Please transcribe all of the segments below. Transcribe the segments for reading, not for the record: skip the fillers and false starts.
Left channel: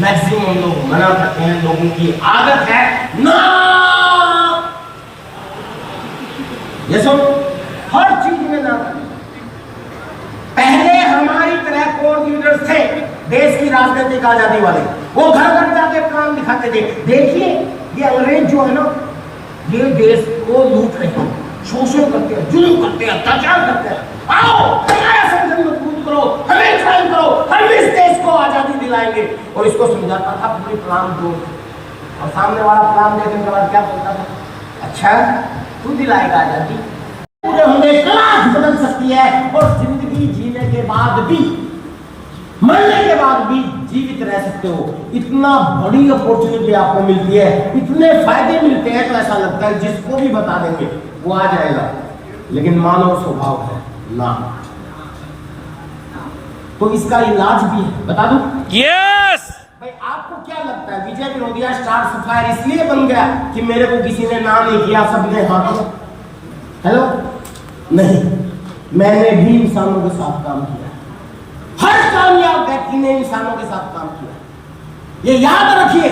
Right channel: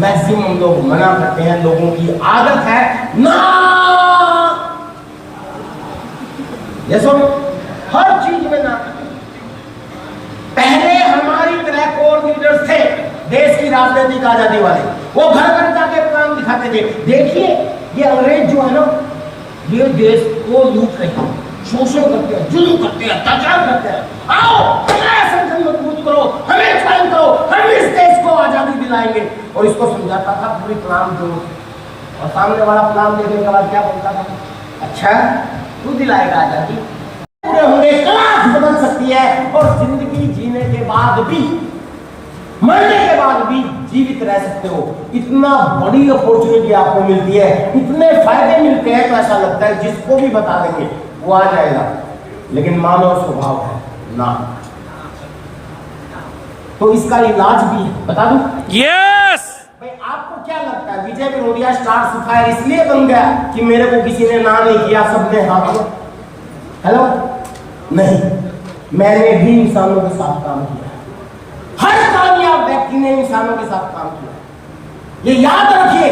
Maximum लोग मना करते हैं, लोगों की आदत है ना, ये सुन, हर चीज में ना करते। पहले हमारी तरह कोर लीडर्स थे देश की राजनीतिक आजादी वाले, वो घर घर जाके प्लान दिखाते थे। देखिए ये अंग्रेज जो है ना, ये देश को लूट रहे हैं, शोषण करते हैं, जुल्म करते हैं, अत्याचार करते हैं। आओ हमारा संगठन मजबूत करो, हमें ज्वाइन करो, हम इस देश को आजादी दिलाएंगे। और इसको समझाता था पूरी प्लान जो, और सामने वाला प्लान देखने के बाद क्या बोलता था, अच्छा तू दिलाएगा आजादी, पूरे होंगे, क्लास बदल सकती है और जिंदगी जीने के बाद भी, मरने के बाद भी जीवित रह सकते हो। इतना बड़ी अपॉर्चुनिटी आपको मिलती है, इतने फायदे मिलते हैं, तो ऐसा लगता है जिसको भी बता देंगे वो आ जाएगा। लेकिन मानव स्वभाव है ना, तो इसका इलाज भी है, बता दूं? यस। भाई आपको क्या लगता है विजय विरोधिया स्टार्स ऑफ फायर इसलिए बन गया कि मेरे को किसी ने ना नहीं किया, सबने हाँ किया? हेलो, नहीं, मैंने भी इंसानों के साथ काम किया, हर कामयाब व्यक्ति ने इंसानों के साथ काम किया। ये याद रखिए,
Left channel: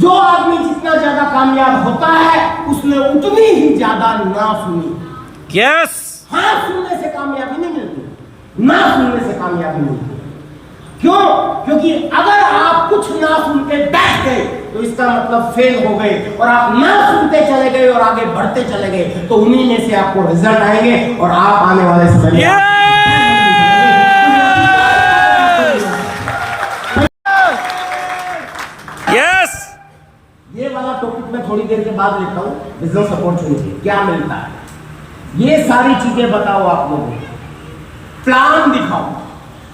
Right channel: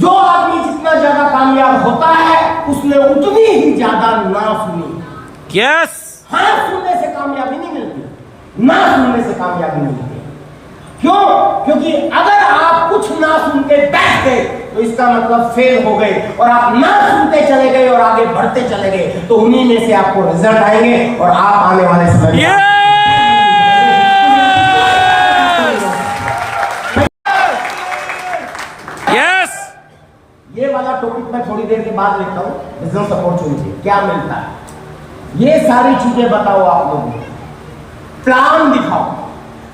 जो आदमी जितना ज्यादा कामयाब होता है उसने उतनी ही ज्यादा ना सुनी। यस। हाँ सुनने से कामयाबी नहीं मिलती, ना सुनने से कामयाबी मिलती है। क्यों? क्योंकि अगर आप कुछ ना सुनते बैठ गए तो इसका मतलब फेल हो गए, और आप ना सुनते चले गए और आगे बढ़ते चले गए तो उन्हीं में से आपको रिजल्ट आएंगे और आप आने वाले समय में यस। ये वाला टॉपिक मैं थोड़ी देर के बाद लेता हूं, बिजनेस अपॉर्चुनिटी क्या मिलता है, ये सारी चीजें बताओ आप लोगों को, प्लान दिखाओ।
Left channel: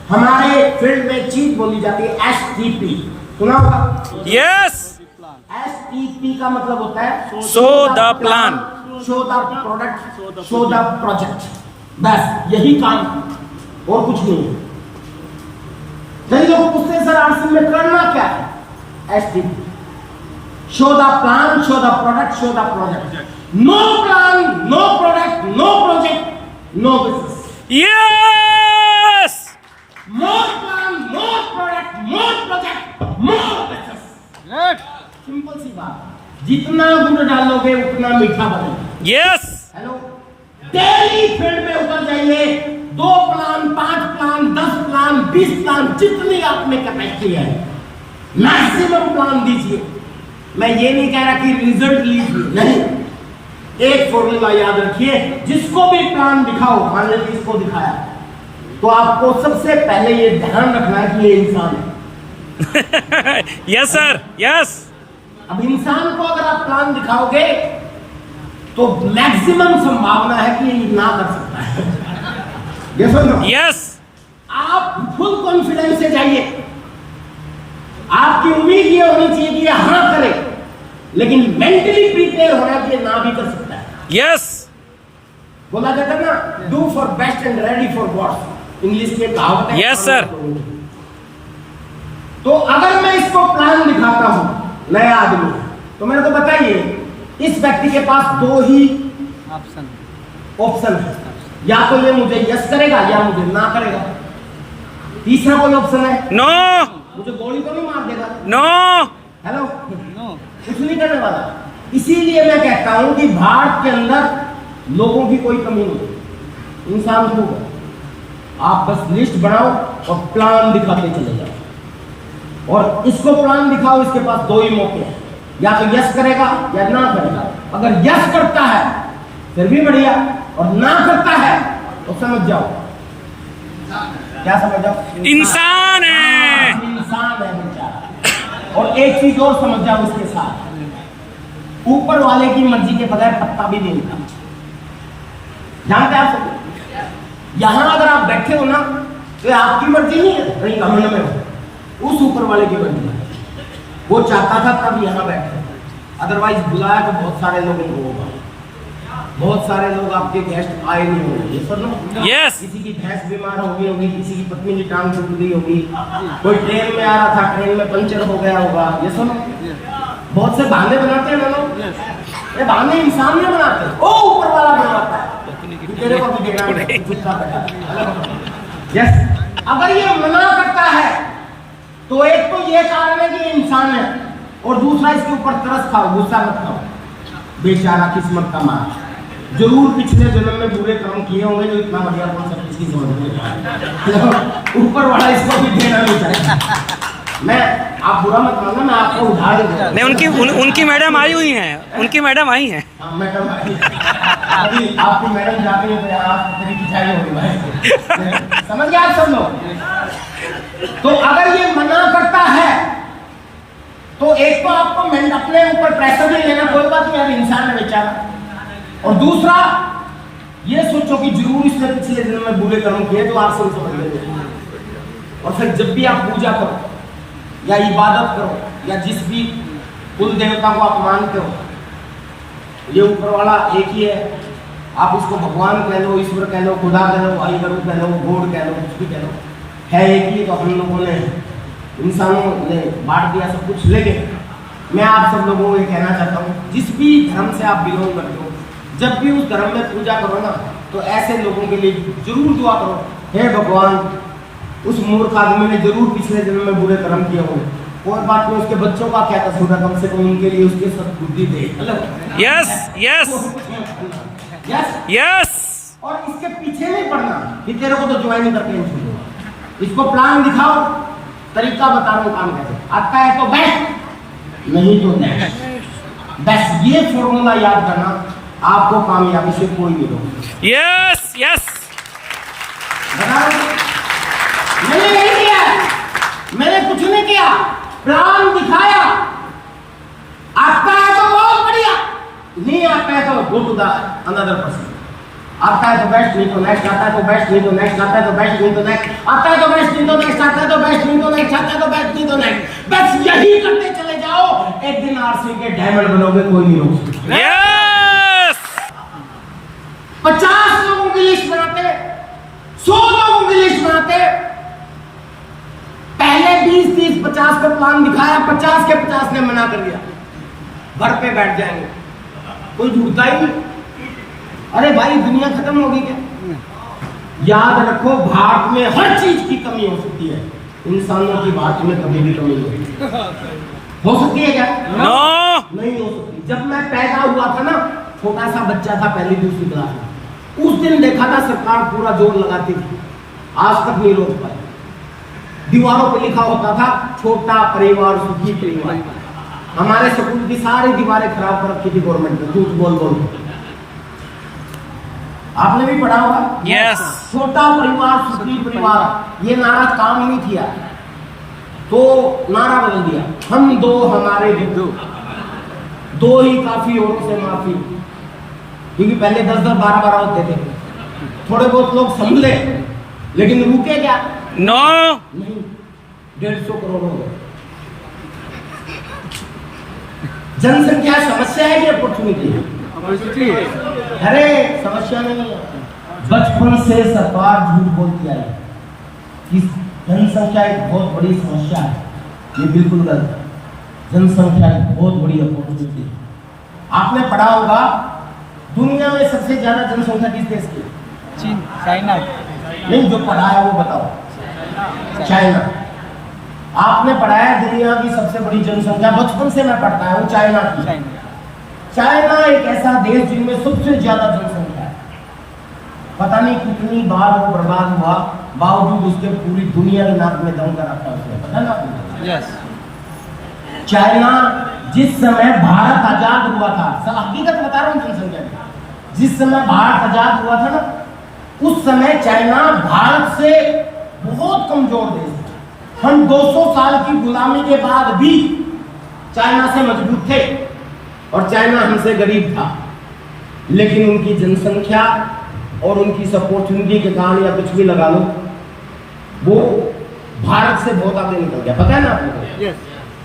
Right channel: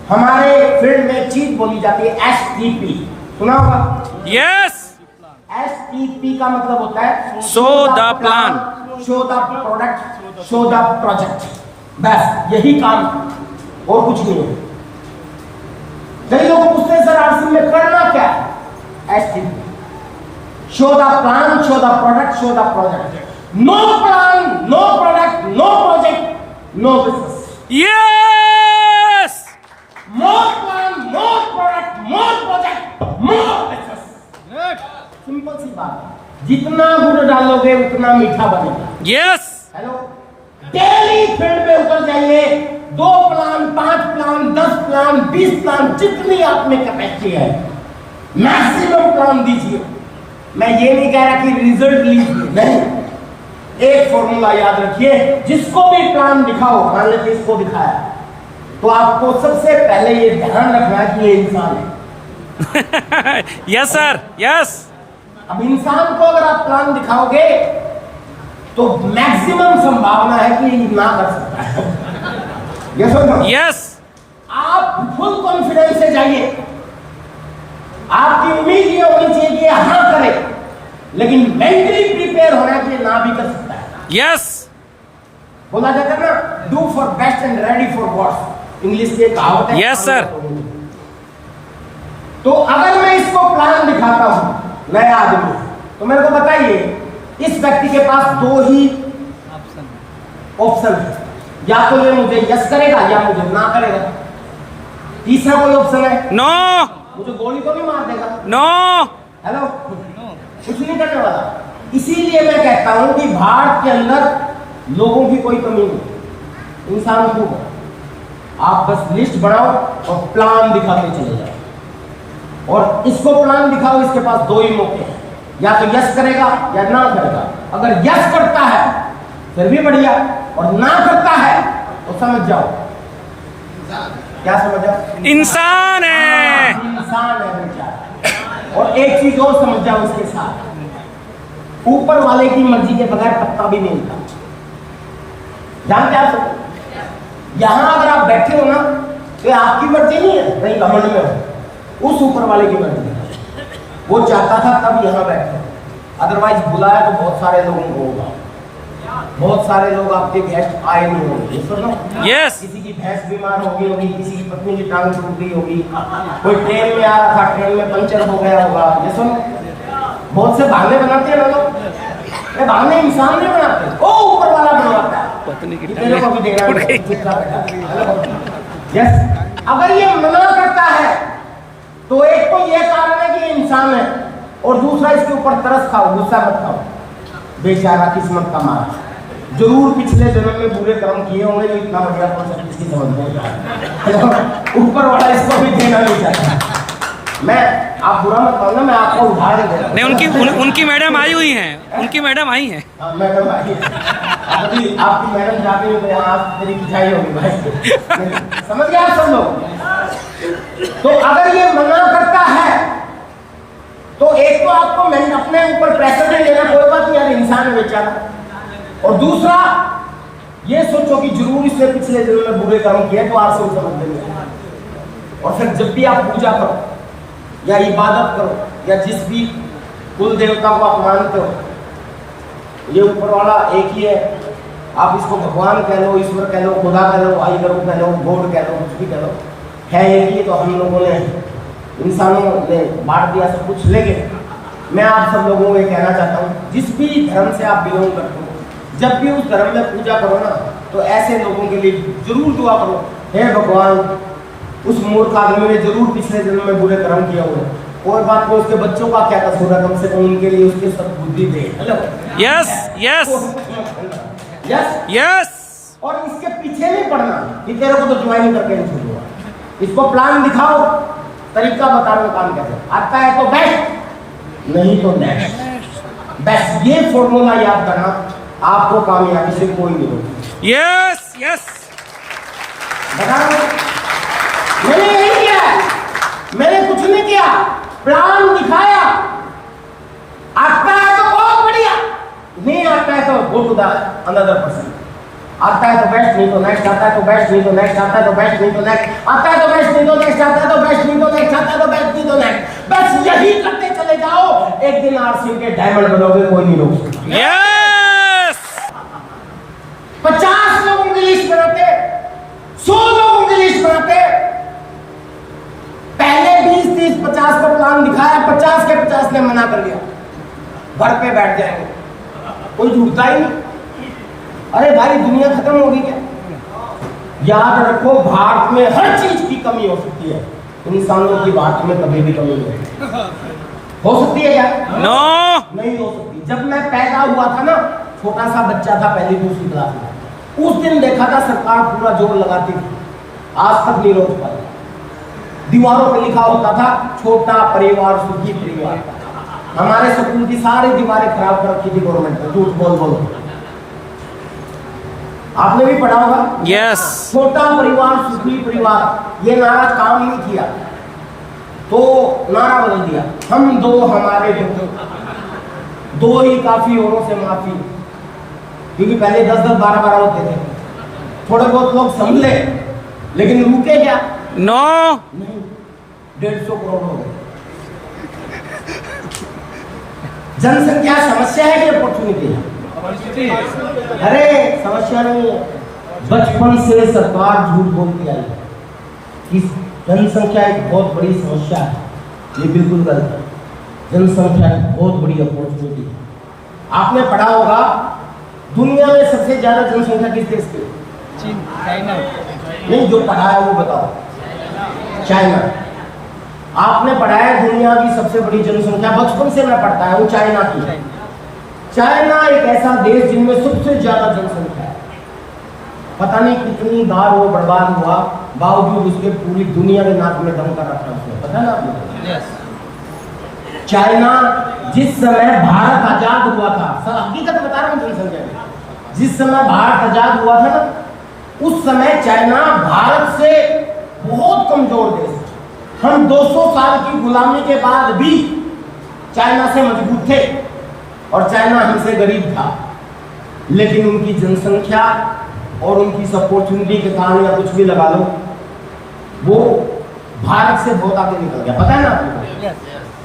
हमारे फील्ड में चीज बोली जाती है एसटीपी, सुना होगा? यस। एसटीपी का मतलब होता है show the plan, show the product, show the project, बस यही काम और कुछ नहीं है। कई लोग पूछते हैं सर आरसी में करना क्या है? STP, show the plan, show the product, show the project. No plan, no product, no project, no business. Yes. More plan, more product, more project, more business. Simple सी बात है, जितना गुड़ डालोगे उतना मीठा बनेगा। यस। हेलो, डेली फील्ड पे उतर जाइए, 2 प्लान, 5 प्लान, 10 प्लान, 20 प्लान, जितनी आप में कैपेसिटी है मैक्सिमम प्लान दीजिए। मैं ये नहीं कह रहा कि रिजल्ट लीजिए, नहीं, एक फॉर्मूला याद रखिए, जिसको भी प्लान दिखाओ, मान लीजिए इसको दिखाया, तो आपको सबसे पहले ये ध्यान रखना है कि ये इंसान है। Yes sir, yes. अब इंसान को अगर आप प्लान दिखाओगे तो मैक्सिमम संभावना है कि ना कर सकता है। यस और नो? यस। आप फुल कॉन्फिडेंस से जाइए, आपकी उम्मीद ये होनी चाहिए कि ये हाँ करे, लेकिन मेंटली प्रिपेयर होना कि ये ना भी कर सकता है। यस। बोला जाता है ना, do for best and ready for worst, English के कहावत है। Yes sir. तो अगर मैं इसको प्लान दिखाता हूं, नया आदमी, तो मेरे को बताइए इस व्यक्ति के पास 2 ही ऑप्शन है, या तो ये मुझे यस करेगा या मुझे ना करेगा। तीसरा कोई ऑप्शन है? नो। मुझे गोली तो नहीं मार देगा? नो। हेलो, कुछ नहीं करने वाला। इसीलिए मैं कहता हूं कि भारत के अंदर लोगों की कोई कमी नहीं, इंसान खूब है। आप बस लिस्ट बनाओ और प्लान दिखाते चले जाओ, और इसको प्लान दिखाओ, इसके पास 2 ही मौके हैं, या तो यस करेगा या ना करेगा। अगर यस करता है फिर भी बढ़िया, और ना करता है तो समझ जाओ, क्या समझ जाओ? इंसान है, इंसान है बेचारा। और एक चीज और समझ जाओ इसके साथ, ऊपर वाले की मर्जी के बगैर पत्ता भी नहीं मिलता। जानते आप, यहां अगर आप बैठे हो ना तो आपकी मर्जी नहीं है, वही घमंड में हो, उस ऊपर वाले की मर्जी है। वो चाहता था तब यहां बैठे, अदरवाइज बुलाया तो बहुत सारे लोगों को होगा, बहुत सारे लोग आपके गेस्ट आए नहीं होंगे। सुनो, यस। किसी की भैंस बीमार हो गई होगी, किसी की पत्नी की टांग टूट गई होगी, कोई ट्रेन में आ रहा था, ट्रेन में पंचर हो गया होगा। ये सुनो, बहुत से बहाने बनाते हैं ना लोग, ये बहाने इंसान नहीं बनाते, वो ऊपर वाला बनाता है। तेरे को भी देना है, चुपचाप बैठा। यस, अगर ये मना करता है तो एक तो ये कारण है कि ये इंसान है, और दूसरा इसके ऊपर तरस खाओ, गुस्सा मत खाओ। बेचारा किस्मत का मार, जरूर पिछले जन्म में बुरे कर्म किए होंगे जो इतना बढ़िया कॉन्सेप्ट इसकी समझ में ऊपर वाला इसको भी देना नहीं चाहता। मैं, आप बुरा मत मानना, मैं आपको उधार दे दूं। नहीं, उनकी मैडम आई हुई हैं, उनकी मैडम आई हैं। मैडम अभी आपकी मैडम जाती है तो आप तेरी पिछाई होगी भाई। समझ गए आप सब लोग? तो अगर ये मना करता है तो एक तो आपको अपने ऊपर प्रेशर नहीं लेना, कोई बात नहीं यार, इंसान है बेचारा। और दूसरा ये सोचो कि जरूर इसने पिछले जन्म में बुरे कर्म किए जो आपसे उसे समझ लेंगे। और फिर जब भी आप पूजा करो या इबादत करो या जिस भी कुल देवता को आप मानते हो, ये ऊपर वाला एक ही है। आप इसको भगवान कह लो, ईश्वर कह लो, खुदा कह लो, भाई करो कह लो, गॉड कह लो, कुछ भी कह लो, है एक ही। तो हम लोगों ने, इंसानों ने बांट दिया सब कुछ। लेकिन मैं आप सब लोगों को ये कहना चाहता हूँ, जिस भी धर्म से आप बिलोंग करते हो, जब भी उस धर्म में पूजा करो ना, तो ऐसे लोगों के लिए जरूर दुआ करो, हे भगवान, उस मूर्ख आदमी ने जरूर पिछले जन्म में बुरे कर्म किए होंगे, कोई बात नहीं, उसके बच्चों का क्या कसूर है, कम से कम उनके लिए उसके सद्बुद्धि दे। Yes yes yes yes. और इसके पीछे नहीं पड़ना कि तेरे को तो ज्वाइन करके नहीं छोड़ूंगा। इसको प्लान दिखाओ, तरीका बता रहा हूँ काम कैसे। आता है तो बेस्ट, नहीं तो नेक्स्ट बेस्ट। ये फॉर्मूला याद करना, आपको कामयाबी से कोई नहीं रोक। Yes yes. बता रहा हूँ, मैंने यही किया है, मैंने कुछ नहीं किया, प्लान दिखाया। आता है तो बहुत बढ़िया, नहीं आता है तो go to the another person. आता है तो बेस्ट, नहीं तो नेक्स्ट। आता है तो बेस्ट, नहीं तो नेक्स्ट। आता है तो बेस्ट, नहीं तो नेक्स्ट। आता है तो बेस्ट, नहीं तो नेक्स्ट। आता है तो बेस्ट, नहीं तो नेक्स्ट। आता है तो बेस्ट, नहीं तो नेक्स्ट। बस यही करते चले जाओ, एक दिन आरसीयू के डायमंड बनोगे, कोई नहीं रोक सकता। यस। 50 लोगों की लिस्ट बनाते, 100 लोगों की लिस्ट बनाते, पहले 20, 30, 50 को प्लान दिखाया, 50 के 50 ने मना कर दिया, घर पे बैठ जाएंगे, कोई जुड़ता ही नहीं। अरे भाई, दुनिया खत्म होगी क्या? याद रखो, भारत में हर चीज की कमी हो सकती है, इंसानों की भारत में कभी भी कमी नहीं हो सकती है क्या? नो, नहीं हो सकती। जब मैं पैदा हुआ था ना, छोटा सा बच्चा था, पहली दूसरी क्लास में, उस दिन देखा था सरकार पूरा जोर लगाती थी, आज तक नहीं रोक पाई। दीवारों पे लिखा होता था, छोटा परिवार सुखी परिवार। हमारे स्कूल की सारी दीवारें खराब कर रखी थी गवर्नमेंट ने, झूठ बोल बोल। आपने भी पढ़ा होगा, यस। छोटा परिवार सुखी परिवार, ये नारा काम नहीं किया तो नारा बदल दिया, हम दो हमारे दो ही काफी, औरों से माफी। क्योंकि पहले 10-10, 12-12 होते थे, थोड़े बहुत लोग संभले, लेकिन रुके क्या? नो, नहीं, 150 करोड़ हो गए। जनसंख्या समस्या है कि अपॉर्चुनिटी है? अरे समस्या नहीं है, बचपन से सरकार झूठ बोलती आई कि जनसंख्या एक बहुत बड़ी समस्या है। ये बिल्कुल गलत है, जनसंख्या एक बहुत बड़ी अपॉर्चुनिटी है। आपने पढ़ा होगा, दुनिया में सबसे ज्यादा जनसंख्या किस देश की? चाइना। नहीं, जो पढ़ा है वो बताओ। चाइना। आपने पढ़ा है दुनिया की सबसे बड़ी जनसंख्या, बचपन से मैं पढ़ता हूँ, चाइना की। चाइना एक ऐसा देश जिनमें सबसे ज्यादा जनसंख्या है। पता नहीं कितनी बार वो बर्बाद हुआ, बावजूद उसके पूरी दुनिया ने नाक में दम कर रखा उसने, पता ना आपको? यस। चाइना जिस समय भारत आजाद हुआ था, हकीकत बता रहा हूँ जनसंख्या की, जिस समय भारत आजाद हुआ था ना, उस समय चाइना भारत से बहुत कमजोर देश था। हम 200 साल की गुलामी के बाद भी चाइना से मजबूत थे और चाइना हमसे गरीब था, लेकिन उनकी जनसंख्या और उनकी अपॉर्चुनिटी के कारण या कुछ भी लगा लो, वो भारत से बहुत आगे निकल गया। पता है ना आपको? yes.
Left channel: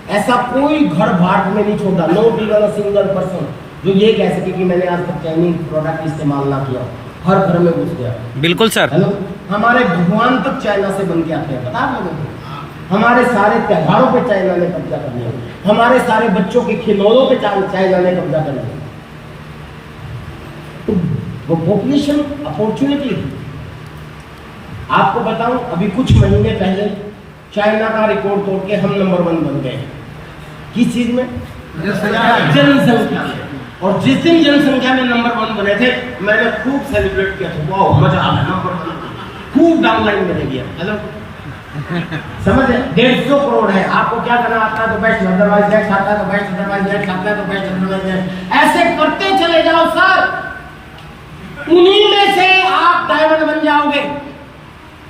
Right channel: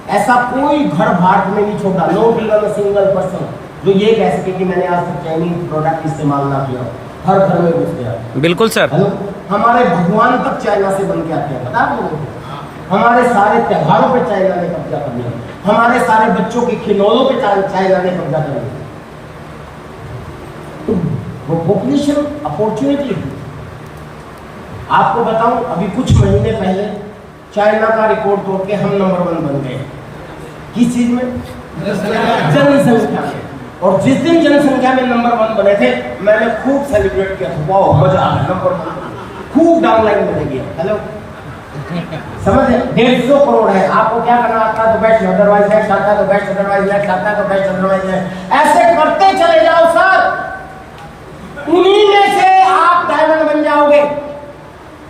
ऐसा कोई घर भारत में नहीं छोड़ा, no given a single person जो ये कह सके कि मैंने आज तक चाइनीज प्रोडक्ट इस्तेमाल ना किया। हर घर में घुस गया। बिल्कुल सर। हेलो, हमारे भगवान तक चाइना से बन के आते हैं, पता है आप लोगों को? हमारे सारे त्योहारों पे चाइना ने कब्जा कर लिया, हमारे सारे बच्चों के खिलौनों पे चाइना ने कब्जा कर लिया। तो वो पॉपुलेशन अपॉर्चुनिटी। आपको बताऊं, अभी कुछ महीने पहले चाइना का रिकॉर्ड तोड़ के हम नंबर 1 बन गए। किस चीज में? जनसंख्या में। और जिस दिन जनसंख्या में नंबर 1 बने थे, मैंने खूब सेलिब्रेट किया था, वाह मजा आ गया, नंबर 1 खूब डाउनलाइन में गया। हेलो समझ 150 करोड़ है। आपको क्या करना आता है तो बेस्ट, अदरवाइज नेक्स्ट आता है तो बेस्ट, अदरवाइज नेक्स्ट आता है तो बेस्ट, अदरवाइज नेक्स्ट, ऐसे करते चले जाओ सर। उन्हीं में से आप डायमंड बन जाओगे।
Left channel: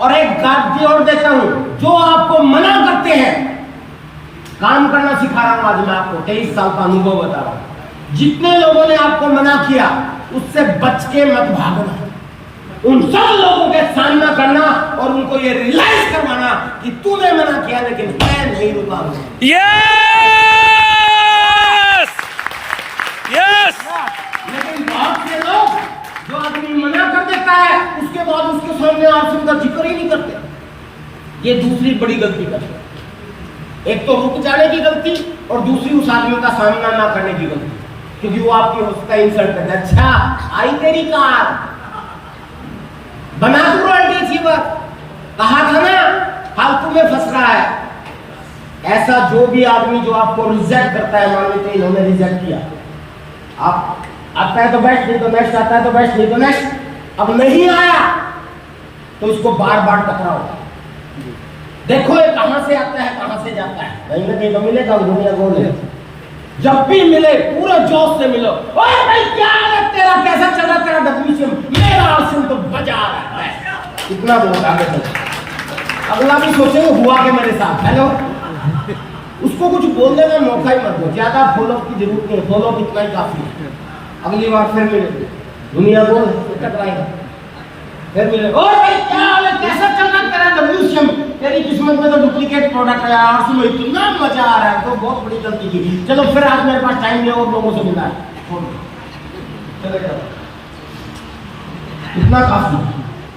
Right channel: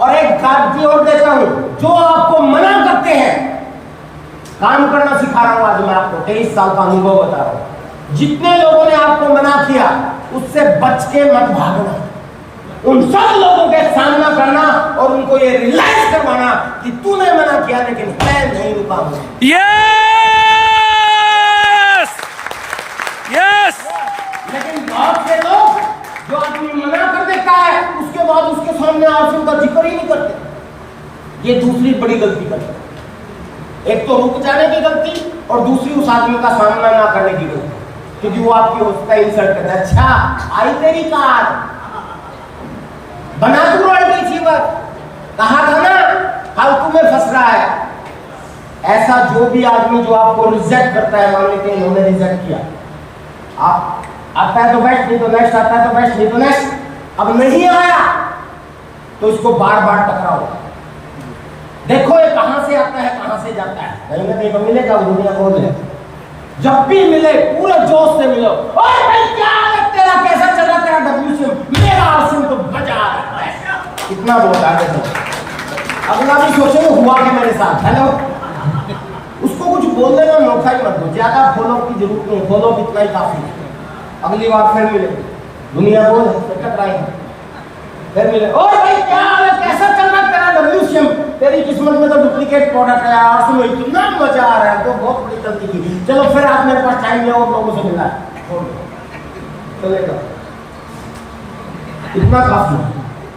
और एक गारंटी और देता हूं, जो आपको मना करते हैं, काम करना सिखा रहा हूं आज मैं आपको, 23 साल का अनुभव बता रहा हूं। जितने लोगों ने आपको मना किया, उससे बच के मत भागना, उन सब लोगों के सामना करना और उनको ये रियलाइज करवाना कि तूने मना किया लेकिन मैं नहीं रुका हूं। Yes yes. लेकिन बहुत से लोग, जो आदमी मना कर देता है, उसके बाद उसके सामने आंसू का जिक्र ही नहीं करते। ये दूसरी बड़ी गलती करते। एक तो रुक जाने की गलती और दूसरी उस आदमी का सामना ना करने की गलती, क्योंकि वो आपकी हौसला इंसल्ट करता है। अच्छा आई तेरी कार, बना तू रॉयल्टी थी, बात कहा था ना, फालतू में फंस रहा है। ऐसा जो भी आदमी जो आपको रिजेक्ट करता है, मान लेते हैं इन्होंने रिजेक्ट किया, आप आता है तो बेस्ट, नहीं तो नेक्स्ट, आता है तो बेस्ट, नहीं तो नेक्स्ट, अब नहीं आया तो इसको बार बार टकराओ। देखो ये कहां से आता है, कहां से जाता है, कहीं ना कहीं मिलेगा। दुनिया बोले जब भी मिले पूरे जोश से मिलो। ओए भाई क्या है तेरा, कैसा चला तेरा डब्ल्यूसीएम? मेरा आरसीएम तो बजा रहा है। कितना बहुत आगे चलो, अगला भी सोचेंगे हुआ क्या मेरे साथ। हेलो उसको कुछ बोलने का मौका ही मत दो, ज्यादा फॉलो की जरूरत नहीं, फॉलो इतना ही काफी है। अगली बार फिर मिले, दुनिया बोल फिर मिले। ओ भाई क्या हाल है, कैसा चल रहा तेरा डब्ल्यूसीएम? तेरी किस्मत में तो डुप्लीकेट प्रोडक्ट है यार, सुनो इतना मजा आ रहा है, तो बहुत बड़ी गलती की। चलो फिर आज मेरे पास टाइम है और लोगों से मिला है, चलेगा इतना काफी।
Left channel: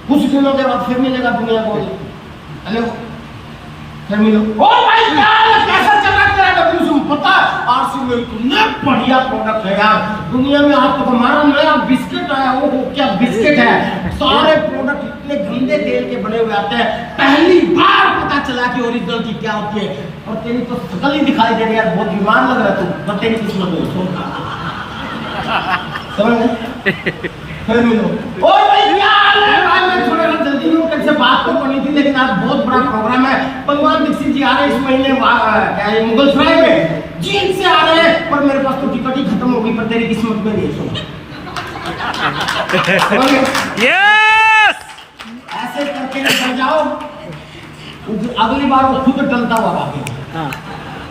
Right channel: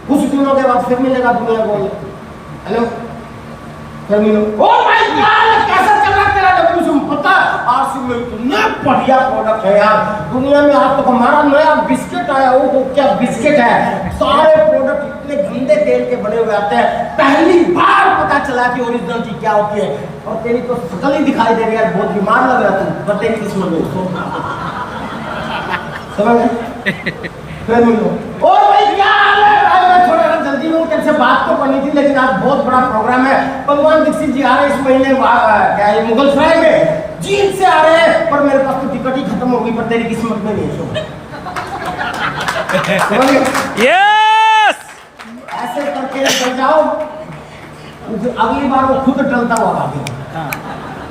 कुछ दिनों के बाद फिर मिलेगा, दुनिया बोल हेलो फिर मिलो। ओ भाई क्या हाल है, कैसा चल रहा तेरा डब्ल्यूसीएम? पता आरसी में इतना बढ़िया प्रोडक्ट है यार, दुनिया में आज तक हमारा नया बिस्किट आया, वो क्या बिस्किट है, सारे प्रोडक्ट इतने गंदे तेल के बने हुए आते हैं, पहली बार पता चला कि ओरिजिनल चीज क्या होती है। और तेरी तो शकल ही दिखाई दे रही है यार, बहुत बीमार लग रहा है तू, पर तेरी किस्मत में समझ फिर मिलो। ओ भाई क्या हाल है भाई, मैं थोड़ा जल्दी में तुमसे बात तो करनी थी, लेकिन आज बहुत बड़ा प्रोग्राम है। भगवान दीक्षित जी आ रहे हैं इस महीने, क्या है मुगल सराय में, जीन से आ रहे हैं, पर मेरे पास तो टिकट ही खत्म होगी, पर तेरी किस्मत में नहीं सुन। यस। ऐसे करके निकल जाओ, अगली बार वो खुद डलता हुआ भागेगा,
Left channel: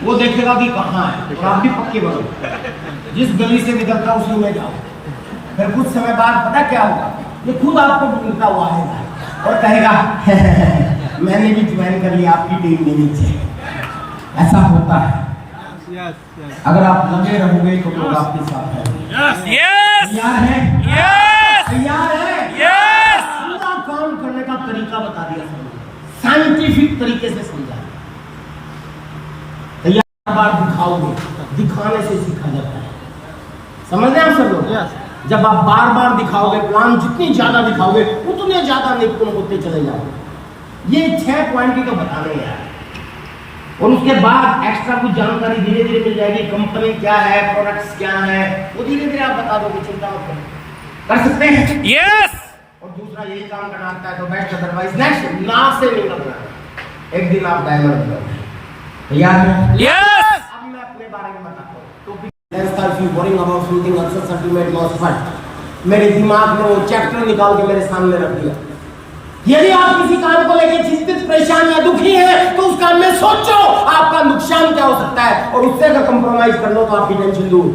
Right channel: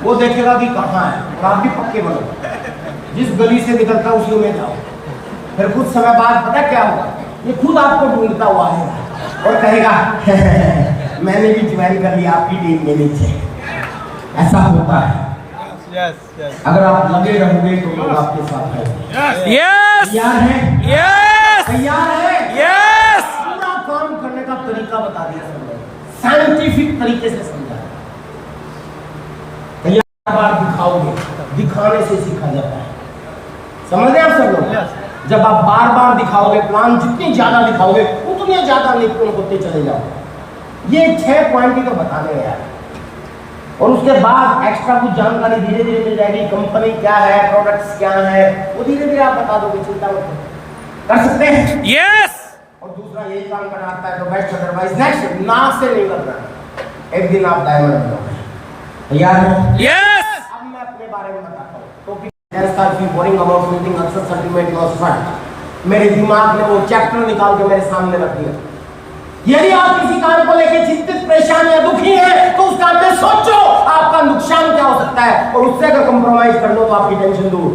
वो देखेगा कि कहाँ है, और आप भी पक्के बनो, जिस गली से निकलता उसी में जाओ। फिर कुछ समय बाद पता क्या होगा, ये खुद आपको ढूंढता हुआ आएगा और कहेगा मैंने भी ज्वाइन कर लिया आपकी टीम में नीचे। ऐसा होता है। अगर आप लगे रहोगे तो लोग आपके साथ है। तैयार है? तैयार है? पूरा काम करने का तरीका बता दिया सर, साइंटिफिक तरीके से समझा। तैयार बार दिखाओगे, दिखाने से सीखा जाता है, समझ रहे आप सब लोग? जब आप बार बार दिखाओगे, प्लान जितनी ज्यादा दिखाओगे उतने ज्यादा निपुण होते चले जाओगे। ये 6 पॉइंट ही तो बताने हैं यार, और उसके बाद एक्स्ट्रा कुछ जानकारी धीरे धीरे मिल जाएगी, कंपनी क्या है, प्रोडक्ट्स क्या है, वो धीरे धीरे आप बता दोगे, चिंता मत करो, कर सकते हैं। यस। और दूसरा यही काम करना आता है तो बेस्ट, अदरवाइज नेक्स्ट, ना से नहीं करना। एक दिन आप डायमंड बनोगे। तैयार है? यस। अब मैं अपने बारे में बताता हूँ। Topic boring about something answer ultimate loss fund. मेरे दिमाग ने वो चैप्टर निकाल के मेरे सामने रख दिया। यदि आप किसी काम को लेकर चिंतित, परेशान या दुखी हैं, तो उस काम में सोचो आपका नुकसान क्या हो सकता है, और उससे अगर कंप्रोमाइज कर लो तो आपकी टेंशन दूर।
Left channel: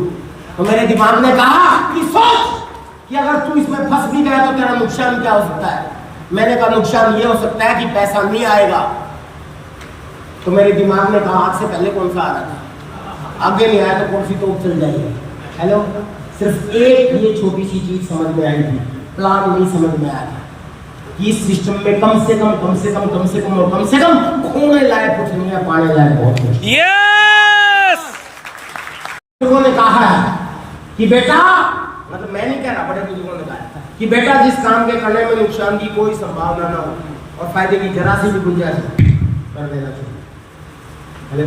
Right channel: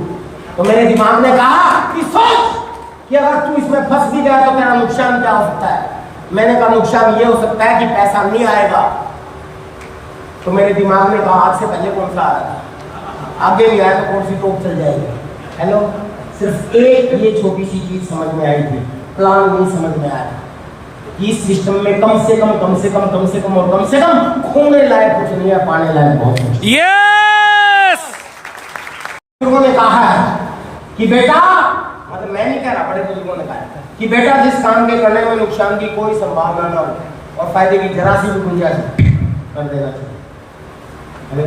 तो मेरे दिमाग ने कहा कि सोच कि अगर तू इसमें फंस भी गया तो तेरा नुकसान क्या हो सकता है। मैंने कहा नुकसान ये हो सकता है कि पैसा नहीं आएगा। तो मेरे दिमाग ने कहा आज से पहले कौन सा आ रहा था, आगे नहीं आया तो कौन सी तोप चल जाएगी। हेलो, सिर्फ एक ये छोटी सी चीज समझ में आई थी, प्लान नहीं समझ में आया था कि इस सिस्टम में कम से कम और कम से कम खोने लायक कुछ नहीं है, पाने लायक बहुत कुछ। यस। उन्होंने कहा है कि बेटा, मतलब मैं नहीं कह रहा, बड़े बुजुर्गों ने कहा कि बेटा जिस काम के करने में नुकसान की कोई संभावना ना हो और फायदे की जरा सी भी गुंजाइश कर देना चाहिए। हेलो,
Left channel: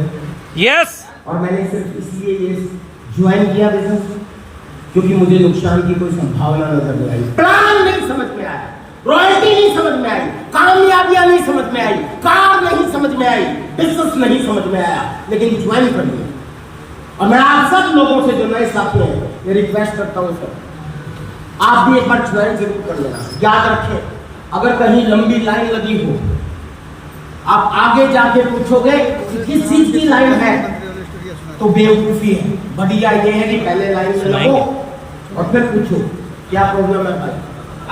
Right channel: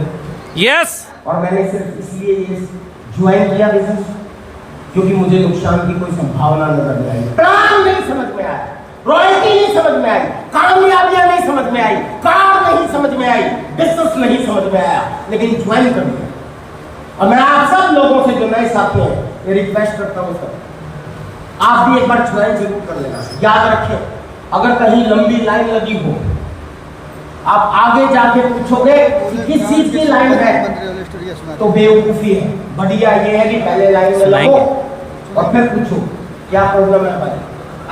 यस और मैंने सिर्फ इसलिए ये ज्वाइन किया बिजनेस क्योंकि मुझे नुकसान की कोई संभावना नजर नहीं आई, प्लान नहीं समझ में आया, रॉयल्टी नहीं समझ में आई, कामयाबियां नहीं समझ में आई, कार नहीं समझ में आई, बिजनेस नहीं समझ में आया, लेकिन ज्वाइन कर लिया। और मैं आप सब लोगों से जो नए साथी हैं ये रिक्वेस्ट करता हूं सर, आप भी एक बार ज्वाइन जरूर कर लेना। याद रखें, अगर कहीं लंबी लाइन लगी हो, आप आगे जाके पूछोगे कि किस चीज की लाइन है, तो बेवकूफी है। बढ़िया ये है कि पहले लाइन में लगो और फिर पूछो क्या प्रॉब्लम है भाई,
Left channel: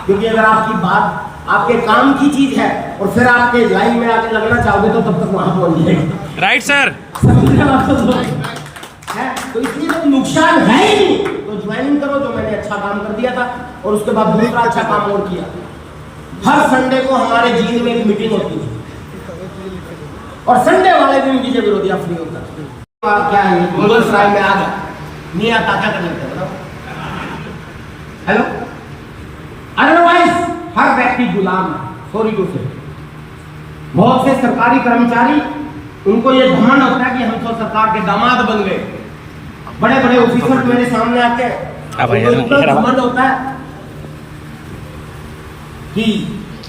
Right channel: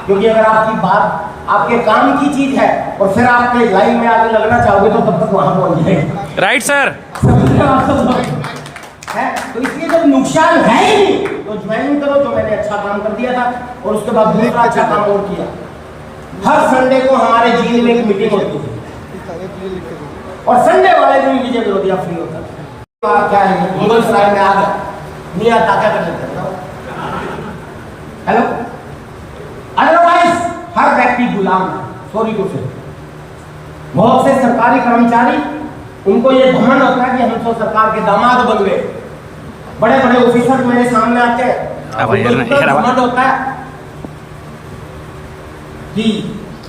क्योंकि अगर आपकी बात आपके काम की चीज है और फिर आपके लाइन में आगे लगना चाहोगे तो तब तक वहां पहुंच जाएगा। Right sir. है तो इसलिए जब नुकसान है ही नहीं तो ज्वाइनिंग करो, जो मैंने अच्छा काम कर दिया था और उसके बाद दूसरा अच्छा काम और किया। हर संडे को हमारे जीन में एक मीटिंग होती है और संडे वाले दिन विजय विरोधिया फ्री होता है। क्या है ये मुगल सराय में आ गया, नहीं आता क्या कर लेते बताओ। हेलो, अदरवाइज हर व्यक्ति गुलाम है। सॉरी टू से, बहुत से सरकारी कर्मचारी उनको ये घमंड होता है कि हम तो सरकार के दामाद बन गए। बड़े बड़े ऑफिसर मेरे सामने आते हैं, घमंड होता है कि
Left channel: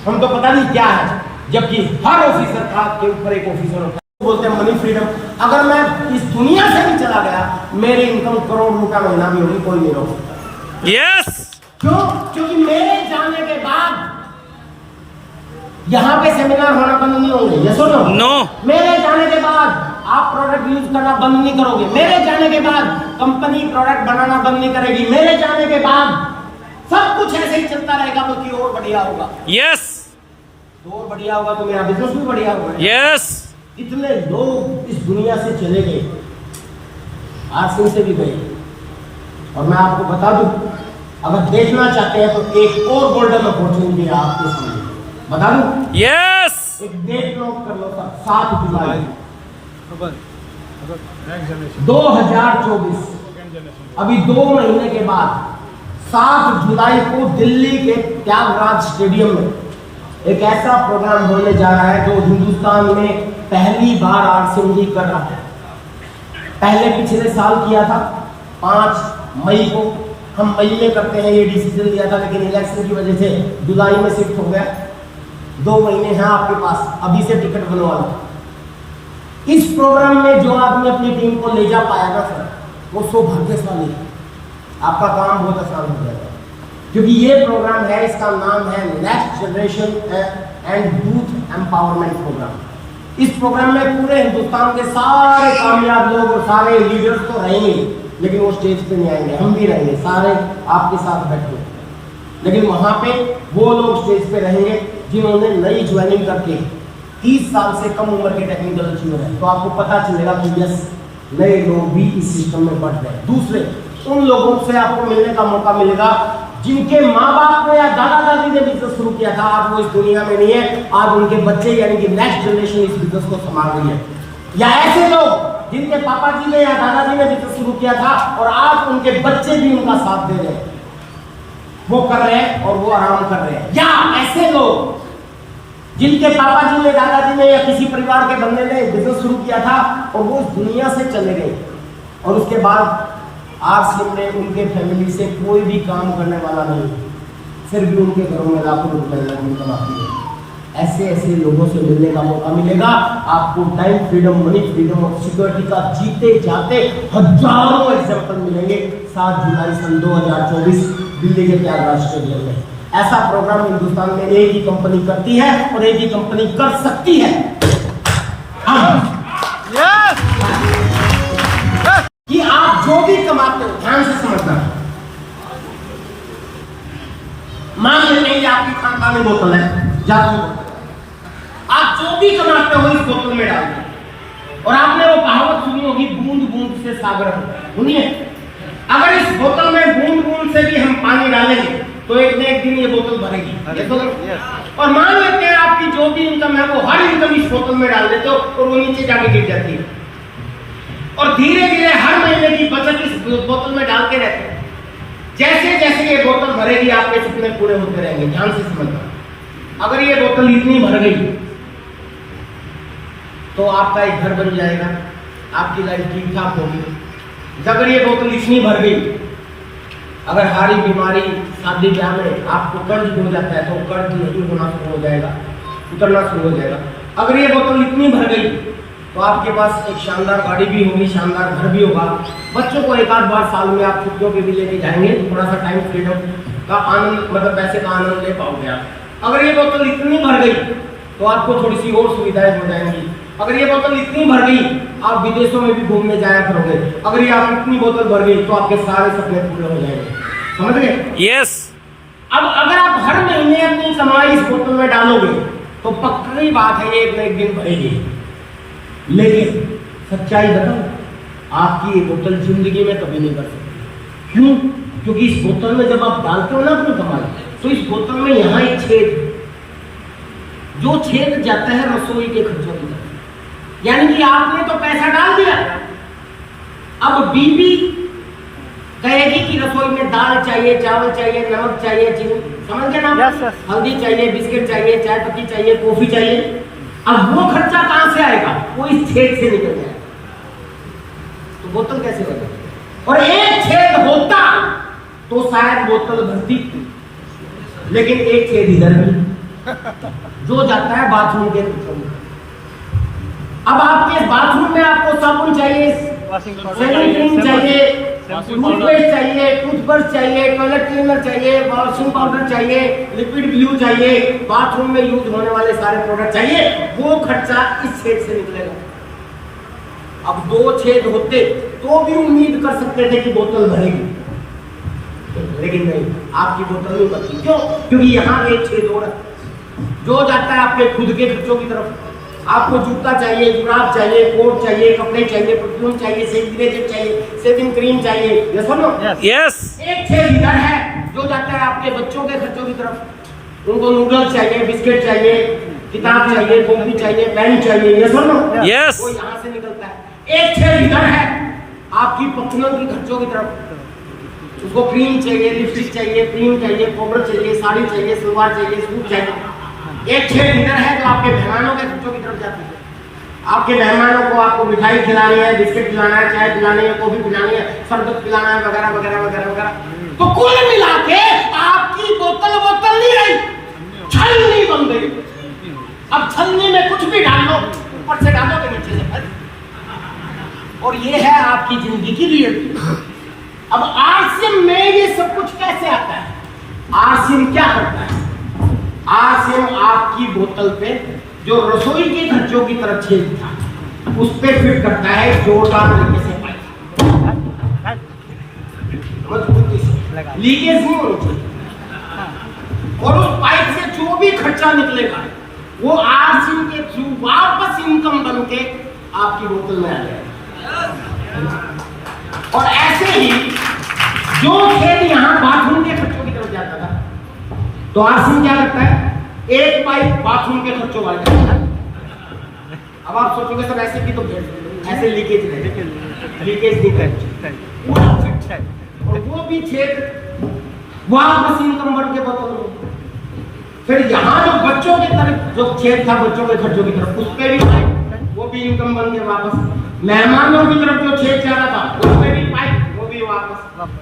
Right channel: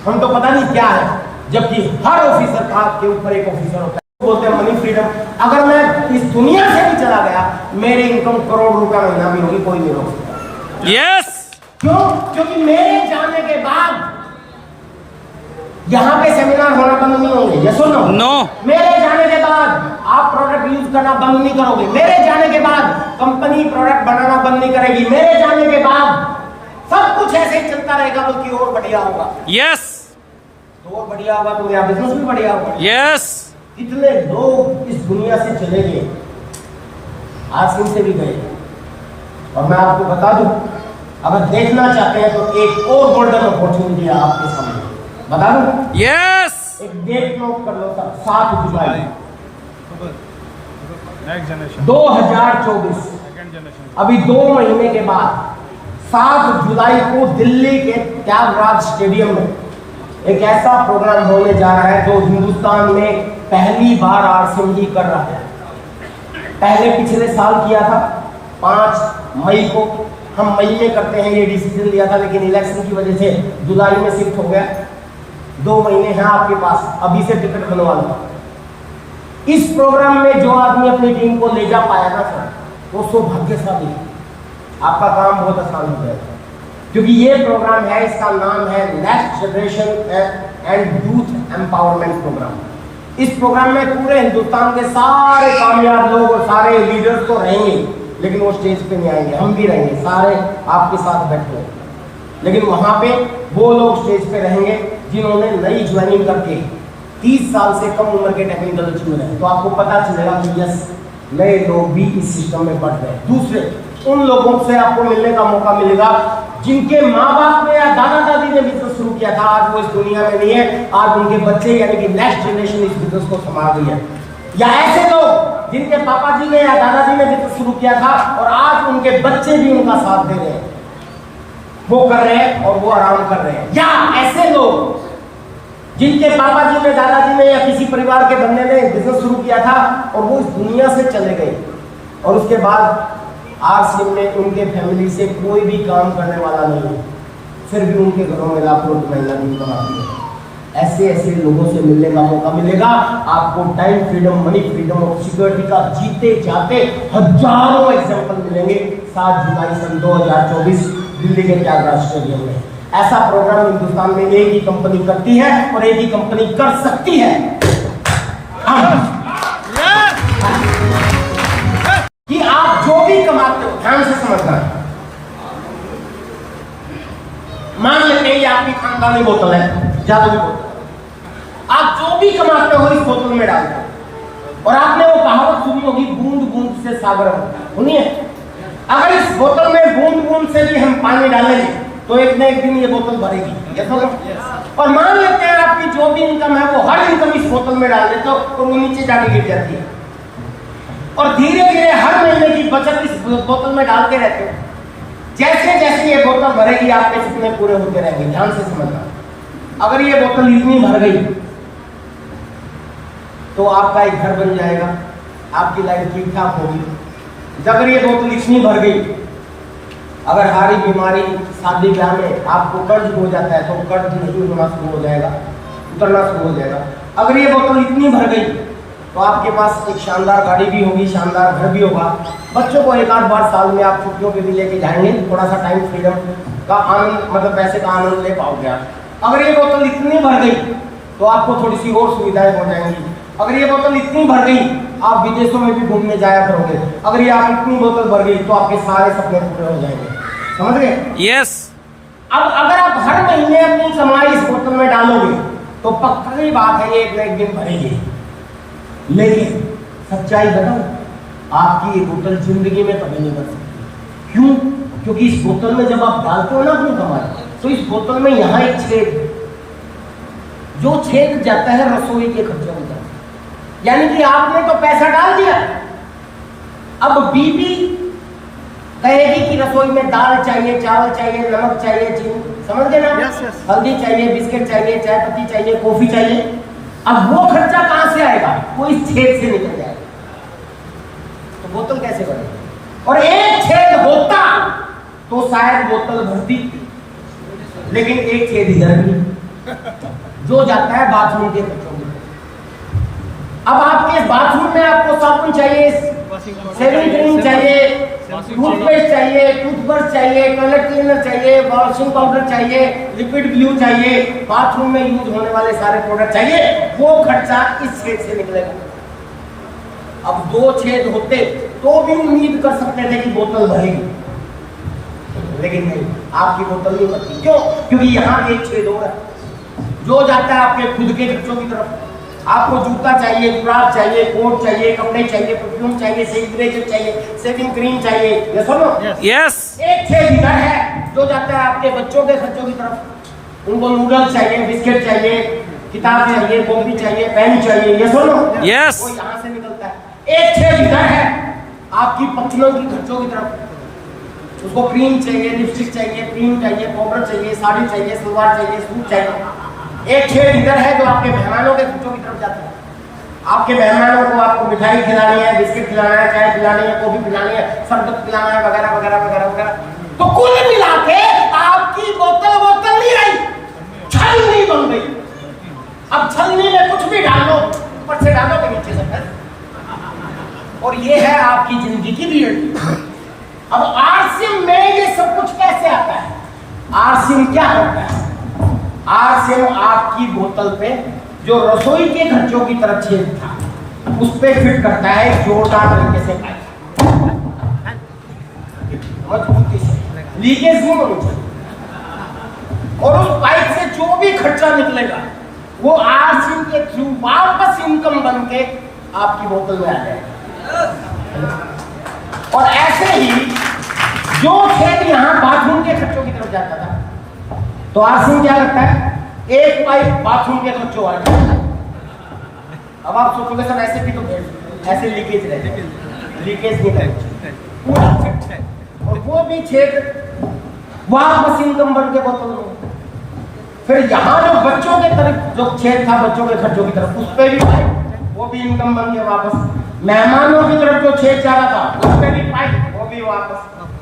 हम तो पता नहीं क्या है, जबकि हर ऑफिसर का के ऊपर एक ऑफिसर होता है। बोलते हैं मनी फ्रीडम। अगर मैं इस दुनिया से भी चला गया, मेरी इनकम करोड़ रुपया महीना भी होगी, कोई नहीं रोक सकता। यस। क्यों? क्योंकि मेरे जाने के बाद यहाँ पे सेमिनार होना बंद नहीं होंगे। ये सुनो, नो। मेरे जाने के बाद आप प्रोडक्ट यूज करना बंद नहीं करोगे। मेरे जाने के बाद कंपनी प्रोडक्ट बनाना बंद नहीं करेगी। मेरे जाने के बाद सब कुछ ऐसे ही चलता रहेगा, बल्कि और बढ़िया होगा। यस। तो और बढ़िया होगा तो मेरा बिजनेस भी बढ़िया होगा। यस। इतने लोग इस दुनिया से चले गए, आज से भी गए, और मैं आपको बता दूं, अगर देखना चाहते हैं तो एक और गोल्डन अपॉर्चुनिटी है आपके सामने। बता दूं? यस। एक डेट नोट कर लो सर, 7 जुलाई 2024, अभी 2 महीने के बाद 7 जुलाई को दिल्ली के त्यागराज स्टेडियम में एक ऐसा प्रोग्राम होने जा रहा है जो हिंदुस्तान में पहली बार आरसीएम जी कर रहा है। पहले पिछले साल किया था 5 मई को, हम मई में करते हैं ये डिसीजन लिया था, लेकिन इलेक्शन की वजह से जुलाई में शिफ्ट हो गया। 2 महीने हैं आपके पास, अभी से टिकट बनवा लो। इस प्रोग्राम में जो आदमी अपनी टीम को ले जा पाया ना सर, वो सौभाग्यशाली है। आपका काम बहुत आसान हो जाएगा, क्योंकि ये प्रोग्राम है, इसका नाम है next generation and youth empowerment program. इस प्रोग्राम में पूरे हिंदुस्तान के सारे कामयाब लोग और सारे लीडर्स तो रहेंगे, लेकिन वो स्टेज पे नहीं आएंगे, हम भी रहेंगे, सारे आपके साथ बैठे। लेकिन वहां पे वो लोग स्टेज पे रहेंगे जिन्होंने नई ज्वाइनिंग करके 30 साल से कम उम्र के टेक्निकल अचीवर हैं। तो आपको पता चलेगा कि यस, नए लोग भी इस सिस्टम में बढ़ गए। दूसरे, उन लोगों से आपको मिलने का मौका मिलेगा जिनके माँ बाप ने या दादा दादी ने बिजनेस शुरू किया था, आज वो इस दुनिया में नहीं है, आज उनके बच्चे यानी कि नेक्स्ट जनरेशन इस बिजनेस को संभाल रही है। या ऐसे लोग जिनके पापा जी ने या दादाजी ने बिजनेस शुरू किया था और आज उनके बच्चे भी उनका साथ दे रहे हैं, वो कर रहे हैं और वो आराम कर रहे हैं। या ऐसे लोग जिनके पापा जी ने, दादाजी ने या किसी परिवार के बंदे ने बिजनेस शुरू किया था और वो इस दुनिया से चले गए, और उसके बाद आरसीएम ने उनके फैमिली से कोई भी काम करने वाला नहीं है, फिर भी उनके घरों में लाखों रुपए महीना की इनकम आती है। ऐसे ऐसे लोगों से मिलने का मौका मिलेगा आपको। टाइम फ्रीडम, मनी फ्रीडम और सिक्योरिटी का जीते जाते हजारों एग्जाम्पल मिलेंगे। 7 जुलाई सन 2024 दिल्ली के त्यागराज स्टेडियम में ऐसा प्रोग्राम हिंदुस्तान में एक ही कंपनी करती है और एक ही कंपनी कर सकती है। कि आप जो भी कमाते हो, ध्यान से समझना। मान लेते हैं आपकी खानदानी बोतल है, जादुई बोतल, आप जो भी कमाते हो इस बोतल में डाल दो। और आपने वो कहावत सुनी होगी, बूंद बूंद से सागर सुनिए। अगर इस बोतल में बूंद बूंद से भी हम पानी डालेंगे तो एक न एक दिन ये बोतल भरेगी। और मान लेते हैं आपकी जो भी इनकम है वो हर इनकम इस बोतल में डाल देते हो और वो नीचे जाके गिर जाती है, और धीरे धीरे हर महीने की बचत इस बोतल में डाल के रहते हैं। जैसे जैसे ये बोतल भरेगी आपके सपने पूरे होते रहेंगे। ध्यान से समझना, अगर ये बोतल इतनी भर गई तो आपका एक घर बन जाएगा, आपकी लाइफ ठीक ठाक होगी। अगर ये बोतल इतनी भर गई, अगर हारी बीमारी शादी ब्याह में आपको कर्ज हो जाता है तो कर्ज नहीं होना शुरू हो जाएगा, उतरना शुरू हो जाएगा। अगर ये बोतल इतनी भर गई तो आपके पास एक शानदार गाड़ी भी होगी, शानदार घर भी होगा। बच्चों को एक आध बार साल में आप छुट्टियों पे भी लेके जाएंगे, थोड़ा सा टाइम फ्रीडम का आनंद, मतलब पैसे का आनंद ले पाओगे आप। अगर ये बोतल इतनी भर गई तो आपको थोड़ी सी और सुविधाएं हो जाएंगी। अगर ये बोतल इतनी भर गई, आप विदेशों में भी घूमने जाया करोगे। अगर ये आप इतनी बोतल भर गई तो आपके सारे सपने पूरे हो जाएंगे। समझ गए? यस। अब अगर आप हर महीने अपनी कमाई इस बोतल में डालोगे तो पक्की बात है ये एक न एक दिन भरेगी। लेकिन सच्चाई बताओ, आपकी ये बोतल जिंदगी में कभी नहीं भर सकती। क्यों? क्योंकि इस बोतल में जब आप डालते हो ना अपनी कमाई, तो इस बोतल में यहाँ एक छेद, जो छेद जाता है रसोई के खर्चों में, यानी कि आपने तो पैसा डाल दिया, अब बीबी कहेगी कि रसोई में दाल चाहिए, चावल चाहिए, नमक चाहिए, चीनी, समझ गए ना? Yes, yes. हल्दी चाहिए, बिस्किट चाहिए, चाय पत्ती चाहिए, कॉफी चाहिए। अब वो खर्चा कहां से आएगा? वो इस छेद से निकल जाएगा। तो बोतल कैसे बनेगी? और एक छेद होता तो शायद बोतल भरती, लेकिन एक छेद इधर भी जो जाता है बाथरूम के खर्चों में। अब आपके बाथरूम में आपको साबुन चाहिए, शेविंग क्रीम चाहिए, टूथपेस्ट चाहिए, टूथब्रश चाहिए, टॉयलेट क्लीनर चाहिए, वॉशिंग पाउडर चाहिए, लिक्विड ग्लू चाहिए, बाथरूम में यूज होने वाले सारे प्रोडक्ट चाहिए। वो खर्चा इस छेद से निकलेगा। अब दो छेद होते तो भी उम्मीद कर सकते थे कि बोतल भरेगी, लेकिन नहीं, आपकी बोतल नहीं भरती। क्यों? क्योंकि यहाँ एक छेद हो रहा है जो जाता है आपके खुद के खर्चों की तरफ। आपको जूता चाहिए, जुराब चाहिए, कोट चाहिए, कपड़े चाहिए, परफ्यूम चाहिए, सैनिटाइजर चाहिए, शेविंग क्रीम चाहिए, ये सुनो। यस। एक छेद इधर है जो जाता है आपके बच्चों के खर्चों की तरफ। उनको नूडल्स चाहिए, बिस्किट चाहिए, किताब चाहिए, कॉपी चाहिए, पेन चाहिए, ये सुनो। यस। वो यहाँ से निकलता है। एक छेद इधर है आपकी पत्नियों के खर्चों की तरफ। उसको क्रीम चाहिए, लिपस्टिक चाहिए, क्रीम चाहिए, पाउडर चाहिए, साड़ी चाहिए, सलवार चाहिए, सूट चाहिए। एक छेद इधर है जो आपके मेहमानों के खर्चों की तरफ जाती है। आपके मेहमानों को आपको मिठाई खिलानी है, बिस्किट खिलाना है, चाय पिलानी है, कॉफी पिलानी है, शरबत पिलाना है, वगैरह वगैरह वगैरह वगैरह। तो कुल मिला के आपकी बोतल नहीं रही, छलनी बन गई। अब छलनी में कुछ भी डालो, ऊपर से डालो के नीचे से भर। और ये है आपकी जिंदगी की रियलिटी। अब आरसीएम में ये सब कुछ कैसे आता है? आरसीएम क्या करता है? आरसीएम आपकी बोतल पे जो रसोई के खर्चों की तरफ छेद था उस पे फिट करता है जोरदार तरीके से पाइप, मजबूती से, लीकेज नहीं होनी चाहिए। और उस पाइप से जो भी खर्चा निकलेगा वो आरसीएम के थ्रू वापस इनकम बन के आपकी बोतल में आ जाएगा। और ऐसे ही जो छेद यहाँ बाथरूम के खर्चों की तरफ जाता था, तो आरसीएम क्या करता है? एक पाइप बाथरूम के खर्चों वाला। अब आप सोचोगे सर ऐसे भी तो ऐसे लीकेज रहे, लीकेज नहीं रहे, पूरा फिट है। और वो भी छेद वापस इनकम बन के बोतल में। फिर यहाँ जो बच्चों के तरफ जो छेद था बच्चों के खर्चों की तरफ, उस पे भी पाइप, वो भी इनकम बन के वापस। मेहमानों की तरफ जो छेद जा रहा था उस पे भी पाइप, वो भी वापस।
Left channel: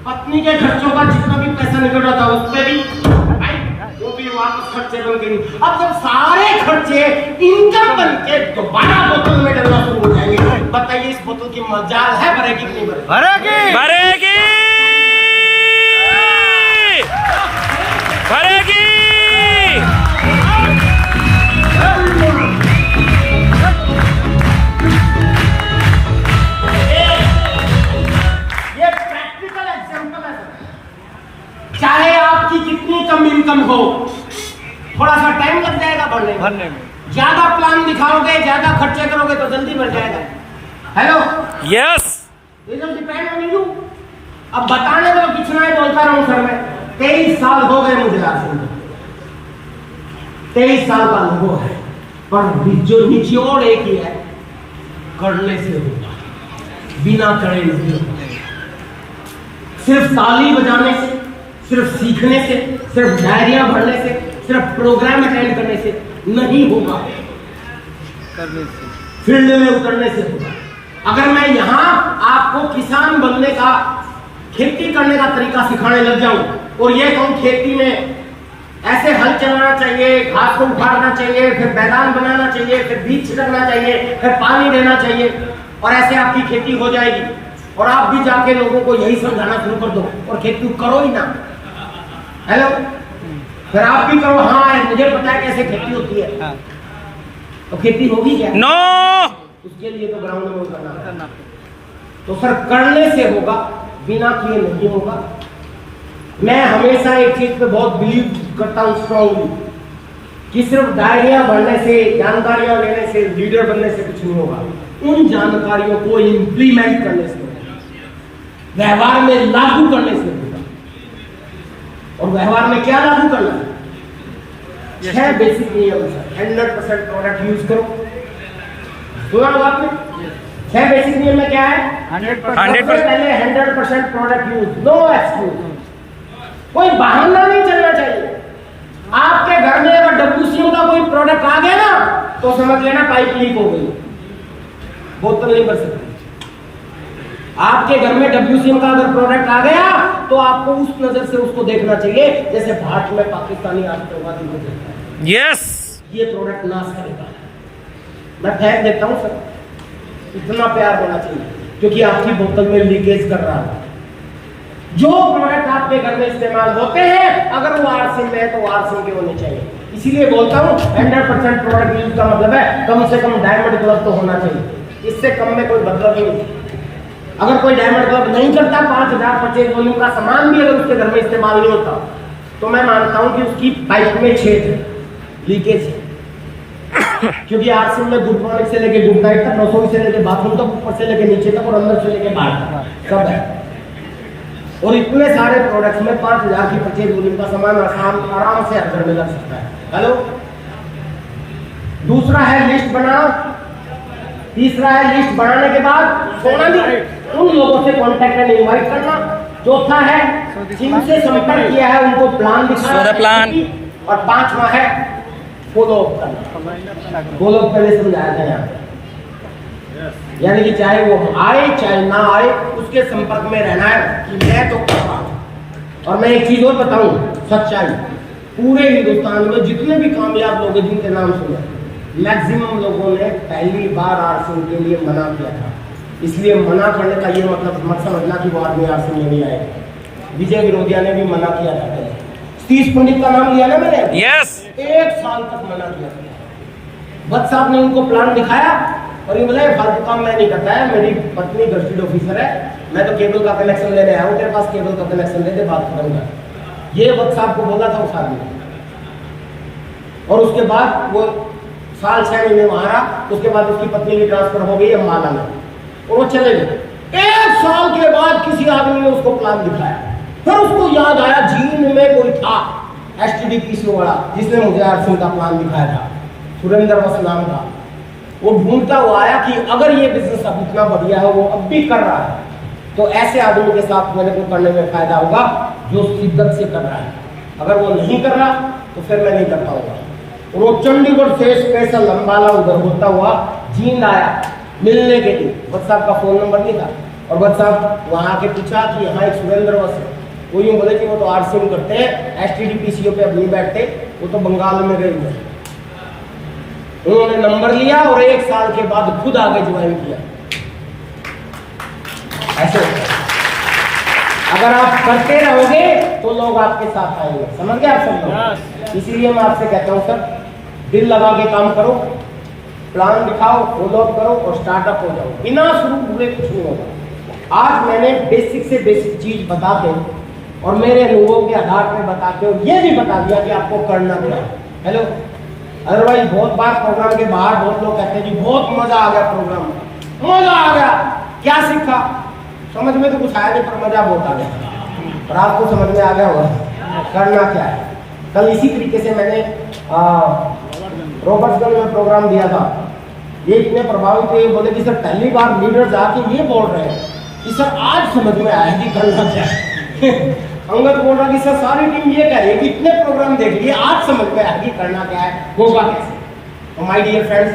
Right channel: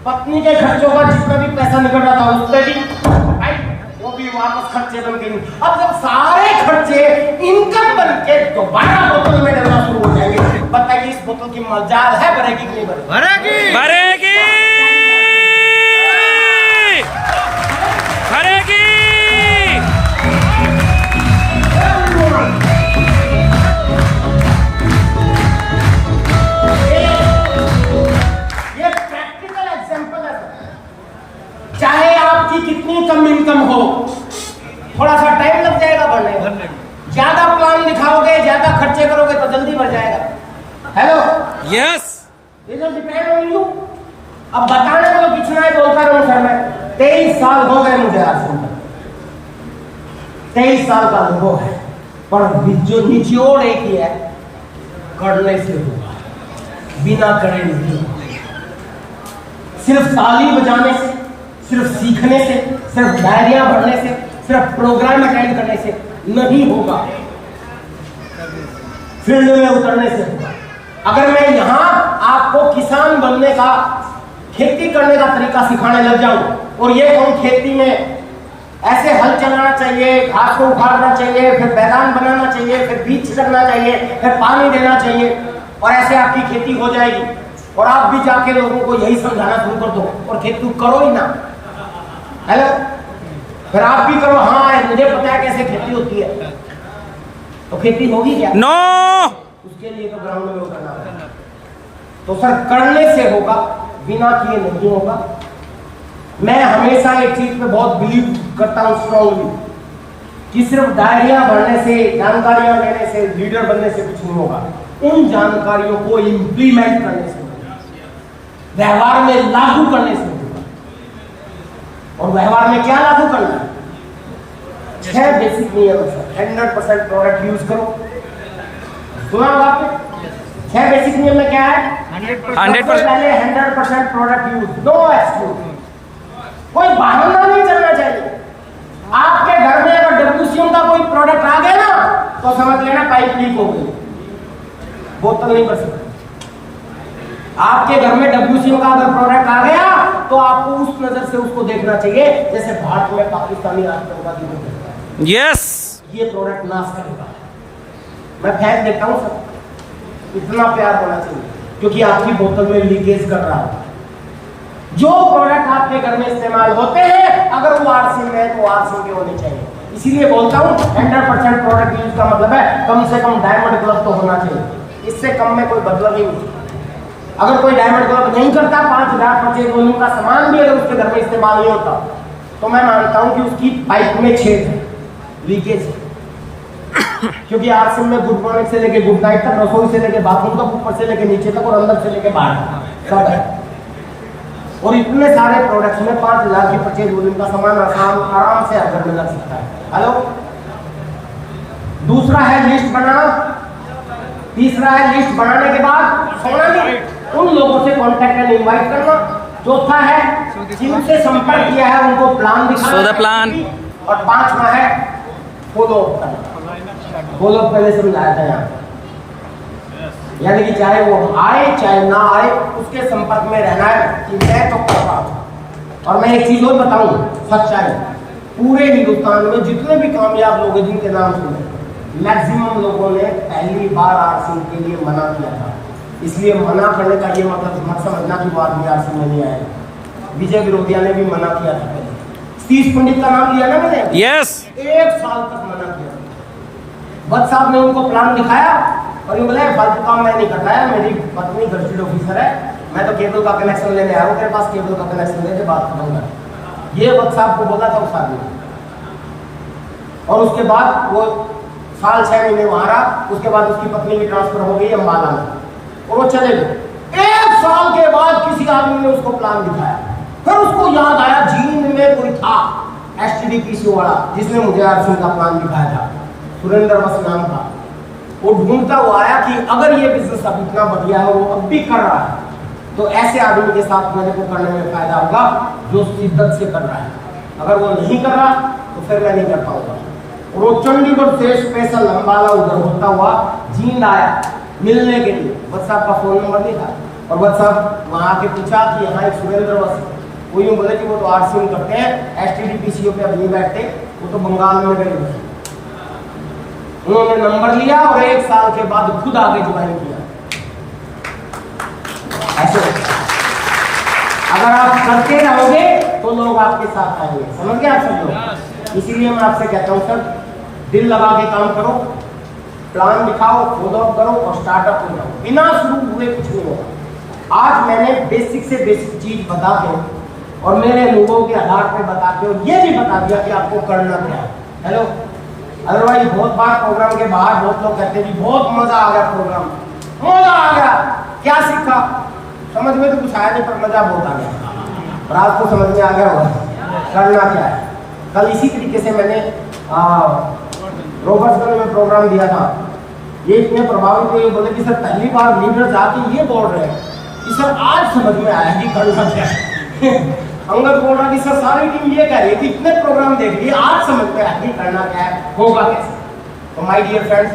पत्नी के खर्चों का जितना भी पैसा निकल रहा था उस पे भी पाइप, वो भी वापस खर्चे बन गई। अब जब सारे खर्चे इनकम बन के दोबारा बोतल में डलना शुरू हो जाएंगे, बताइए इस बोतल की मजाल है भरेगी कि नहीं भरेगी? भरेगी, भरेगी। ये प्रैक्टिकल एग्जांपल है। चाहे आपकी कितनी कम इनकम हो, थोड़ा सा टाइम लग जाएगा भरने में। ज्यादा प्लान दिखाओगे, ज्यादा खर्चे करोगे तो जल्दी भर जाएगा। Hello, yes. Result depend on you. अब बताने में तो कितना ही बोलता रहूं सर मैं। 23 साल हो गए मुझे आरसीएम को, 23 साल का अनुभव है। पर जो निचोड़ एक ही है, करने से होगा, बिना करे नहीं होगा। सिर्फ ताली बजाने से, सिर्फ सीखने से, सिर्फ डायरिया भरने से, सिर्फ प्रोग्राम अटेंड करने से नहीं होगा। फील्ड में उतरने से होगा। अगर मैं यहाँ आपको किसान बनने का, खेती करने का तरीका सिखाने लग जाऊं और ये कहूं खेती में ऐसे हल चलाना चाहिए, घास को उखाड़ना चाहिए, फिर बैलान बनाना चाहिए, फिर बीज छिड़कना चाहिए, फिर पानी देना चाहिए और ऐसे आपकी खेती हो जाएगी और आप भी जाके लोगों को यही समझाना शुरू कर दो और खेती करो ही ना। हेलो, फिर आप भी करो हाँ मुझे पता है कैसे खेती होती है, तो खेती होगी क्या? नो। उसके लिए तो ग्राउंड में उतरना। तो सर करने से होगा, बिना किए नहीं होगा। मैं हमेशा एक चीज पे बहुत बिलीव करता हूं स्ट्रांगली कि सिर्फ डायरिया बढ़ने से, जानकारियां लेने से, लीडर बनने से कुछ नहीं होगा। उन जानकारियों को इंप्लीमेंट करने से होगा, व्यवहार में लागू करने से होगा। और व्यवहार में क्या लागू करना है? 6 बेसिक नियम है। 100% प्रोडक्ट यूज करो। सुना होगा आपने? 6 बेसिक नियम में क्या है? 100%। पहले 100% प्रोडक्ट यूज, नो एक्सक्यूज। कोई बहाना नहीं चलना चाहिए। आपके घर में अगर WCM का कोई प्रोडक्ट आ गया ना तो समझ लेना पाइप लीक हो गई, बोतल नहीं बच सकती। आपके घर में WCM का अगर प्रोडक्ट आ गया तो आपको उस नजर से उसको देखना चाहिए जैसे भारत में पाकिस्तानी आतंकवादी को देखता है। यस। ये प्रोडक्ट नाश करेगा, मैं फेंक देता हूं सर। इतना प्यार होना चाहिए क्योंकि आपकी बोतल में लीकेज कर रहा है। जो प्रोडक्ट आपके घर में इस्तेमाल होते हैं अगर वो आरसीएम में है तो आरसीएम के होने चाहिए। इसीलिए बोलता हूं 100% प्रोडक्ट यूज का मतलब है कम से कम डायमंड ग्लव तो होना चाहिए। इससे कम में कोई मतलब ही नहीं। अगर कोई डायमंड ग्लव नहीं करता, 5000 परचेज वॉल्यूम का सामान भी अगर उसके घर में इस्तेमाल नहीं होता तो मैं मानता हूं कि उसकी पाइप में छेद है, लीकेज है। क्योंकि आरसीएम में गुड मॉर्निंग से लेके गुड नाइट तक, रसोई से लेके बाथरूम तक, ऊपर से लेके नीचे तक और अंदर से लेके बाहर सब है। और इतने सारे प्रोडक्ट्स में 5000 की परचेज वॉल्यूम का सामान आराम से घर में लग सकता है। हेलो, दूसरा है लिस्ट बनाना, तीसरा है लिस्ट बनाने के बाद सोना भी, उन लोगों से कॉन्टैक्ट एंड इनवाइट करना। चौथा है जिनसे संपर्क किया है उनको प्लान दिखाना, प्लान। और 5वां है फॉलो अप करना। फॉलो अप पहले समझाया था यहाँ, यानी कि चाहे वो आए चाहे ना आए उसके संपर्क में रहना है कि मैं तो कर रहा हूं। और मैं एक चीज और बताऊं, सच्चाई, पूरे हिंदुस्तान में जितने भी कामयाब लोग हैं जिनके नाम सुने, मैक्सिमम लोगों ने पहली बार आरसीएम के लिए मना किया था। इसलिए मना करने का ये मतलब मत समझना कि वो आदमी आरसीएम में नहीं आएगा। विजय विरोधिया ने भी मना किया था। सतीश पंडित का नाम लिया ना मैंने, यस। 1 साल तक मना किया। भट्ट साहब ने उनको प्लान दिखाया और ये बोला फालतू काम मैं नहीं करता है, मेरी पत्नी गजटेड ऑफिसर है, मैं तो केबल का कनेक्शन लेने आया हूँ, तेरे पास केबल का कनेक्शन लेके बात खत्म कर। ये भट्ट साहब को बोला था उस आदमी ने। और उसके बाद वो साल 6 महीने वहां रहा। उसके बाद उसकी पत्नी की ट्रांसफर हो गई अम्बाला में और वो चले गए। 1 साल के बाद किसी आदमी ने उसको प्लान दिखाया, फिर उसको याद आया जींद में कोई था STDPCO वाला जिसने मुझे आरसीएम का प्लान दिखाया था, सुरेंद्र वस नाम था। वो ढूंढता हुआ आया कि अगर ये बिजनेस अब इतना बढ़िया है, वो अब भी कर रहा है, तो ऐसे आदमी के साथ मेरे को करने में फायदा होगा जो शिद्दत से कर रहा है। अगर वो नहीं कर रहा तो फिर मैं नहीं कर पाऊंगा। और वो चंडीगढ़ से स्पेशल अम्बाला उधर होता हुआ जींद आया मिलने के लिए। भट्ट साहब का फोन नंबर नहीं था और भट्ट साहब वहां आके पूछा कि यहाँ एक सुरेंद्र वस है। वो यूँ बोले कि वो तो आरसीएम करते हैं, STDPCO पे अब नहीं बैठते, वो तो बंगाल में गए हुए हैं। उन्होंने नंबर लिया और 1 साल के बाद खुद आगे ज्वाइन किया। ऐसे होता है। अगर आप करते रहोगे तो लोग आपके साथ आएंगे। समझ गए आप सब लोग? इसीलिए मैं आपसे कहता हूं सर, दिल लगा के काम करो, प्लान दिखाओ, फॉलो अप करो और स्टार्टअप हो जाओ। बिना शुरू हुए कुछ नहीं होगा। आज मैंने बेसिक से बेसिक चीज बता के और मेरे अनुभव के आधार पर बता के और ये भी बता दिया कि आपको करना क्या है। हेलो, अदरवाइज बहुत बार प्रोग्राम के बाहर बहुत लोग कहते हैं जी बहुत मजा आ गया, प्रोग्राम मजा आ गया, क्या सीखा? समझ में तो कुछ आया नहीं पर मजा बहुत आ गया। और आज तो समझ में आ गया होगा करना क्या है। कल इसी तरीके से मैंने रॉबर्ट्सगंज में प्रोग्राम दिया था। ये इतने प्रभावित हुए, बोले कि सर पहली बार लीडर जाके ये बोल रहे हैं कि सर आज समझ में आया कि करना क्या है। अंगद बोल रहा कि सर सारी टीम ये कह रही है कि इतने प्रोग्राम देख लिए आज समझ में आया कि करना क्या है, होगा कैसे। तो माय डियर फ्रेंड्स,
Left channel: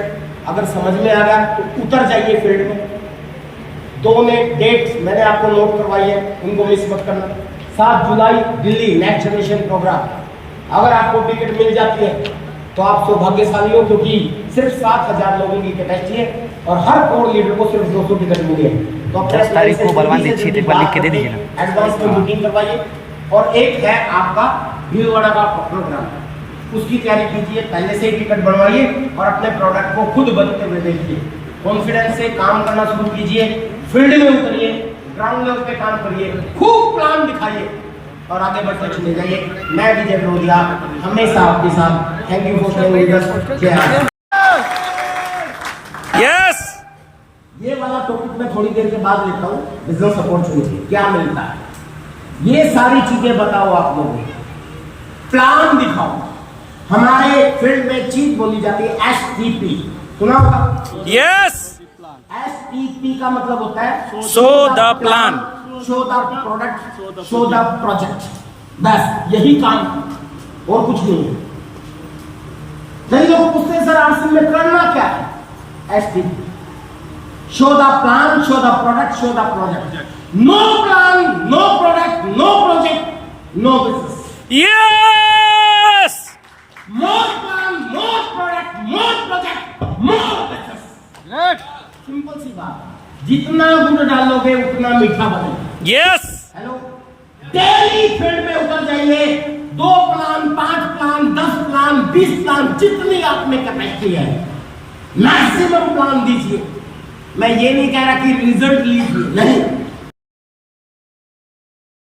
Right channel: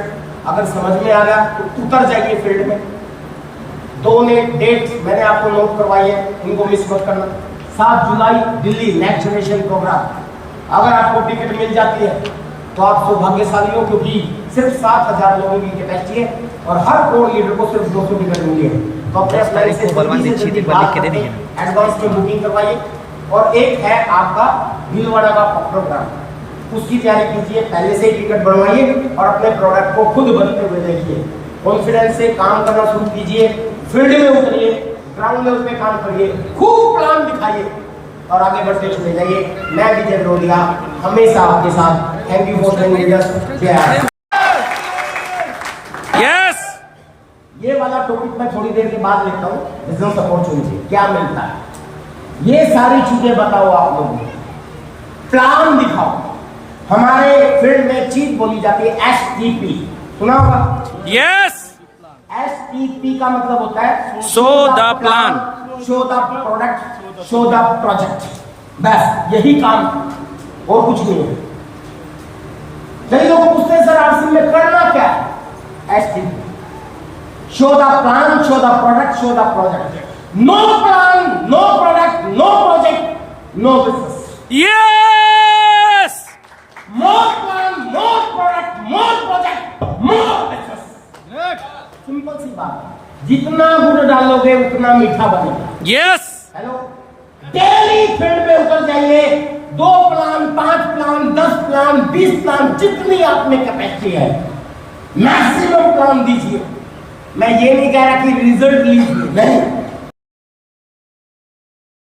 अगर समझ में आ गया तो उतर जाइए फील्ड में। 2 ने डेट मैंने आपको नोट करवाई है, इनको मिस मत करना। 7 जुलाई दिल्ली नेक्स्ट जनरेशन प्रोग्राम। अगर आपको टिकट मिल जाती है तो आप सौभाग्यशाली हो, क्योंकि सिर्फ 7,000 लोगों की कैपेसिटी है और हर कोर लीडर को सिर्फ 200 टिकट मिली है। तो 10 तारीख को बलवान दीक्षित एक बार लिख के दे दीजिए ना। एडवांस की बुकिंग करवाइए। और एक है आपका भीलवाड़ा का प्रोग्राम, उसकी तैयारी कीजिए, पहले से टिकट बनवाइए और अपने प्रोडक्ट को खुद बनते हुए देखिए। कॉन्फिडेंस से काम करना शुरू कीजिए, फील्ड में उतरिए, ग्राउंड लेवल पे काम करिए, खूब प्लान दिखाइए और आगे बढ़ते चले जाइए। मैं विजय बरोदिया हमेशा आपके साथ। Thank you for staying with us. जय हिंद। यस ये वाला टॉपिक मैं थोड़ी देर के बाद लेता हूँ, बिजनेस अपॉर्चुनिटी क्या मिलता है, ये सारी चीजें बताओ आप लोगों को, प्लान दिखाओ। हमारे फील्ड में चीज बोली जाती है STP, सुना होगा? यस STP का मतलब होता है Show the plan. Show the product, show the project. बस यही काम है और कुछ नहीं है। कई लोग पूछते हैं सर आरसी में करना क्या है? STP, show the plan, show the product, show the project. No plan, no product, no project, no business. Yes more plan, more product, more project, more business. Simple सी बात है, जितना गुड़ डालोगे उतना मीठा बनेगा। यस हेलो, डेली फील्ड पे उतर जाइए। 2 प्लान, 5 प्लान, 10 प्लान, 20 प्लान, जितनी आप में कैपेसिटी है मैक्सिमम प्लान दीजिए। मैं ये नहीं कह रहा कि रिजल्ट लीजिए, नहीं,